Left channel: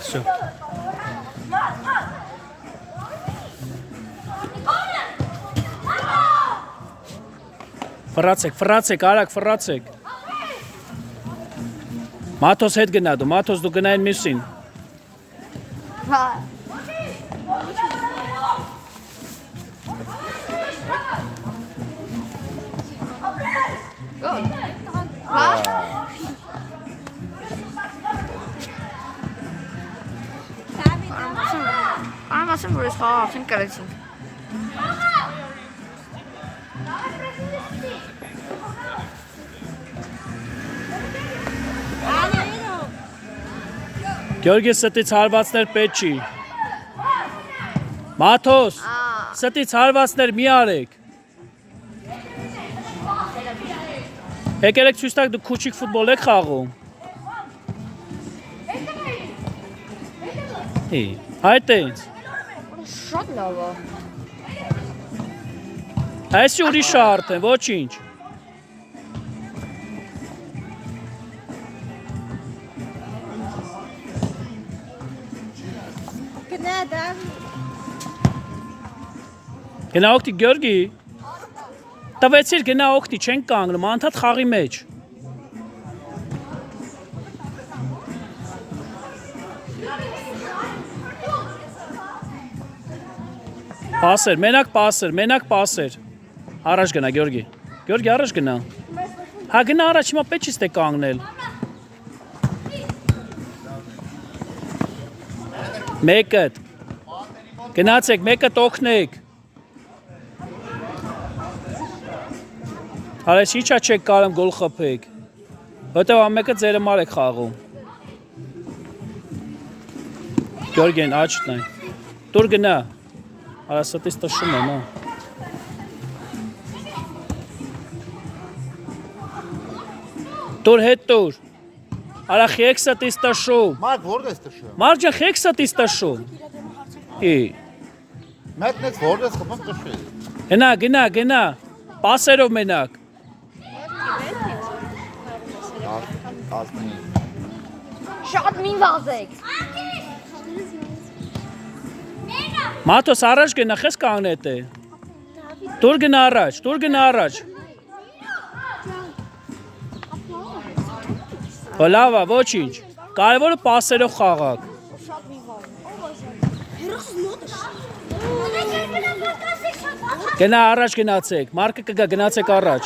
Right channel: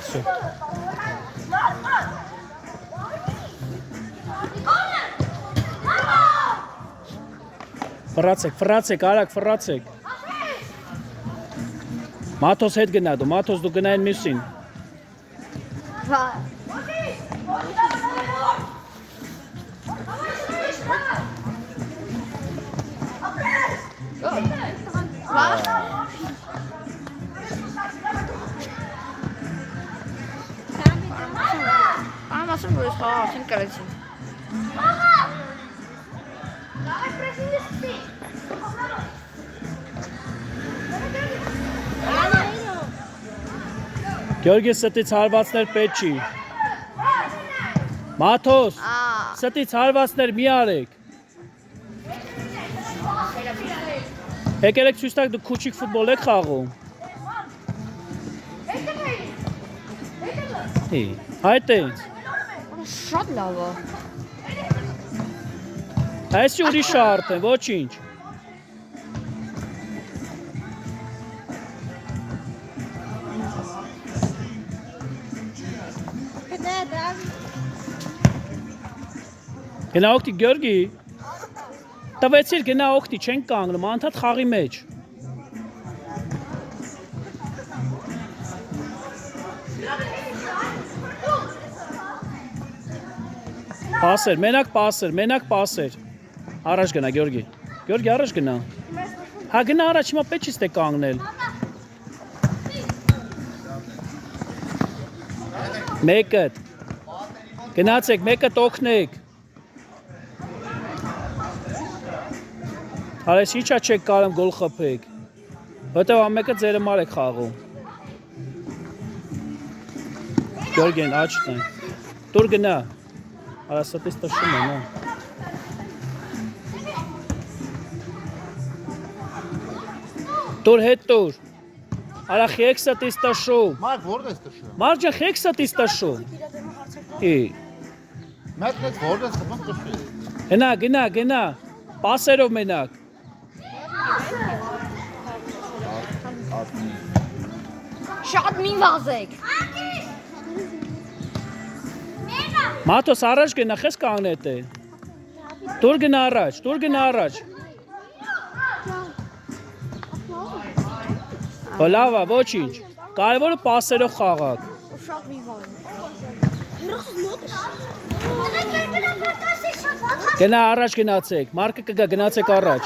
Все. Ֆրացեք, արագ ֆրացեք։ Մաթոս հետ գնա դու, Մաթոս դու գնային մյուսին։ Ամասın burası falan karışın. Գյորգի ստից հարվածներ պետք չի։ Մաթոս, ստից հարվածներ մի արեք։ Եկել եք ցույց տաք դու քուչիկ ֆուտբոլ եք խաղում։ Այդ էինց։ Շատ լավ է։ Այսի ուրիշ արդ է, ոչինչ։ Գնա օգտի Գյորգի։ Տվեցիր գնա օգտի, չենք կանգնում, անդադ խաղի մեջ։ Պասեր, մենակ պասեր։ Առաջ գնա Գյորգի։ Գյորգի առաջ գնա։ Հա գնա առաջ, հիմա պետք չի ստե կանգնել։ Մեկըտ։ Գնացեք, մեկըտ օգնեք։ Արես իչա չեք կարում գոլ խփեք։ Որտեւ ամեկը ձերը մար եք խաղում։ Գյորգեն աչքն է։ Դուր գնա։ Արա ստից տշում է, նո։ Դուր հետ դուր։ Արա խեք ստից տշում։ Մարդ որն ես տշում։ Մարդ ջան խեք ստից տշում։ Մեկ որն ես խփում տշում։ Գնա։ Պասերով մենակ։ Շատ մի վազեք։ Մաթոս առաջ գնա, խես կանգնետ է։ Դուր գնա առաջ։ Լավ է, ոչինչ։ Կարևորը պասերով խաղաք։ Գնա առաջ գնացեք, Մարկը կգա գնացեք առաջ։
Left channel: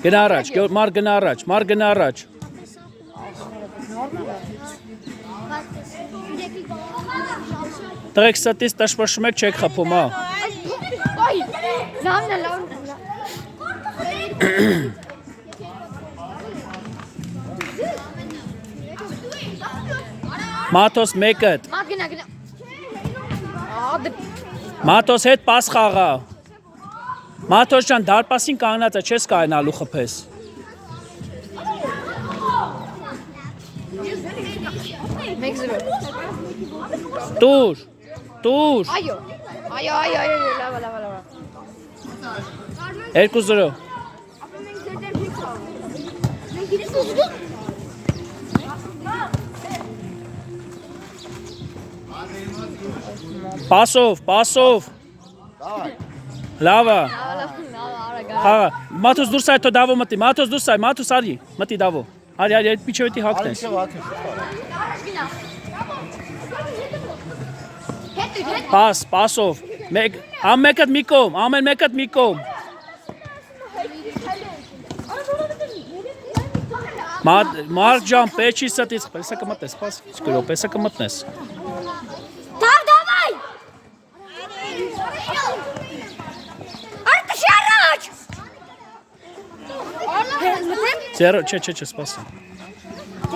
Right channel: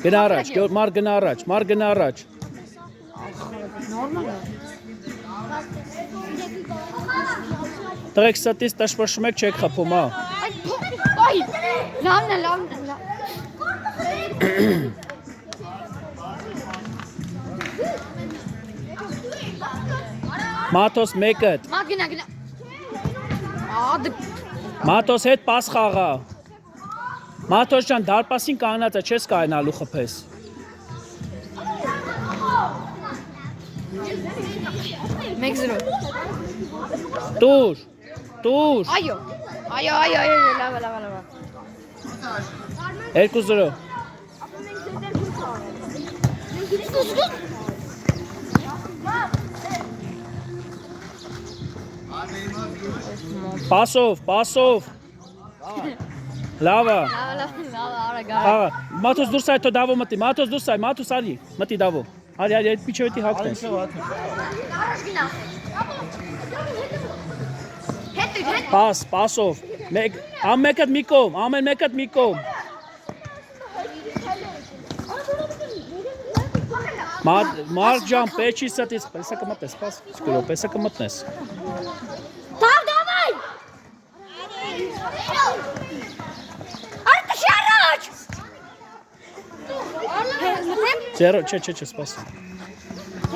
Գնա առաջ, Մարկ գնա առաջ։ Տղեկ ստից տշվշում եք չեք խփում, հա։ Լավն է։ Մաթոս մեկըտ։ Գնա։ Մաթոս հետ պաս խաղա։ Մաթոս ջան դարպասին կանգնած է, չես կարենալու խփես։ Մեկ զրո։ Տուր։ Այո, լավ։ 2-0։ Պասով։ Լավա։ Մաթոս դուրս այ թո դավո մտի, Մաթոս արի, մտի դավո։ Արի, այդ միջովետի հակնես։ Պասով։ Ամեն մեկըտ մի կողմ։ Մարդ ջան, պեչի ստից, պեսա կմտնես, պաս, սկրո, պեսա կմտնես։ Դավայ։ Արտաշ առաջ։ Ձերը, չէ, սպասի։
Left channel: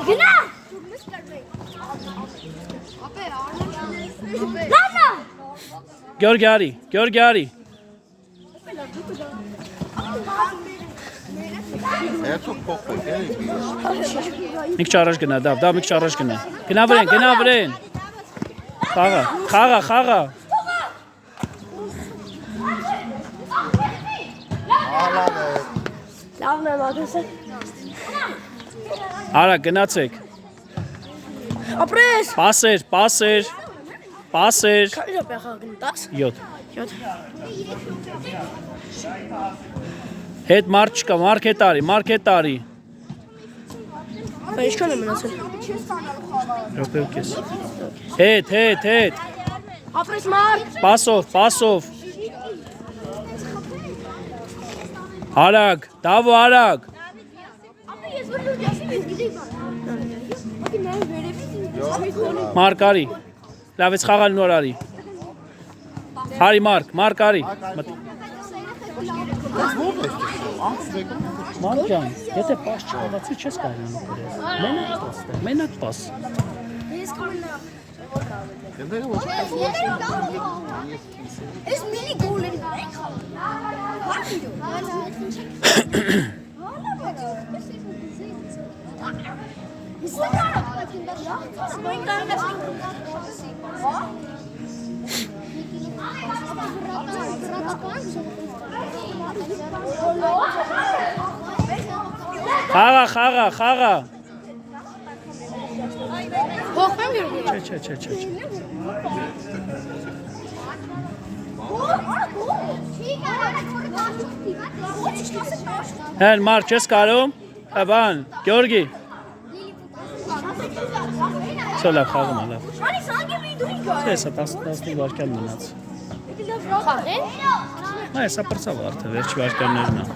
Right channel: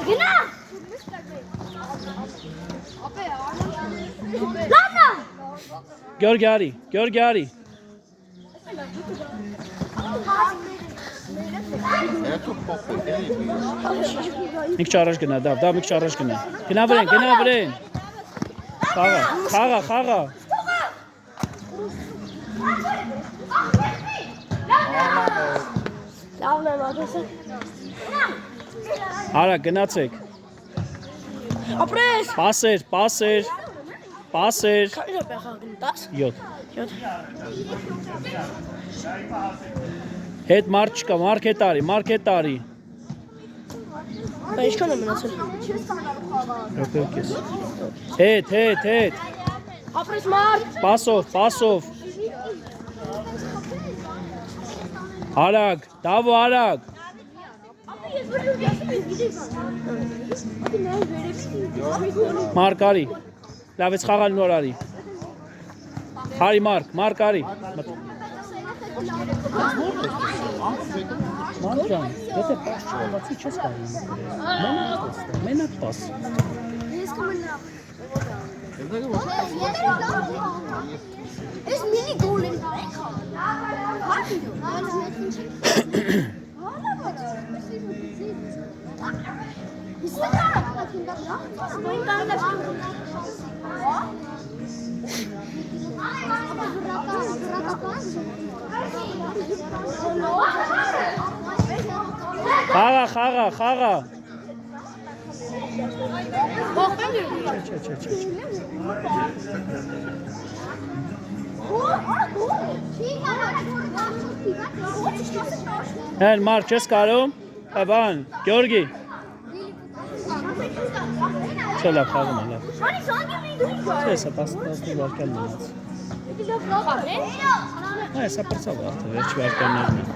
Գնա։ Լավնա։ Գյորգի արի։ Մի քիչ առաջ գնա, դավ, մի քիչ առաջ գնա։ Գնա վրեն։ Խաղա։ Լավն եմ ադեսը։ Արա գնացեք։ Ապրես։ Պասեր։ Քանի րոպե խաղում 10։ 7 7։ Հետ մարդ չկա, մարքետարի։ Բայց ինչքան է մնացել։ Րոպե ու կես։ Հետ։ Ապրես մարդ։ Պասով։ Արագ, դավո արագ։ Ես որ ասում եմ գիտի բան։ Մարկ արի։ Լավ ես խաղալ նոր արի։ Արի մարկ արի։ Մարկ ջան, եթե պաս չկարողացի չես կարող նկարել։ Մենակ պաս։ Ես կմնա։ Ես մինի գոլերի դարեք։ Մարտի դու։ Խաղա։ Չէ։ Հեն մարդ չես կարում։ Բան, Գյորգի։ Չէ լավ խաղում է լավ։ Չէ, սա 15 վարկյան մնաց։ Սա պրծավ արդը, վերջ վարկյաններն է։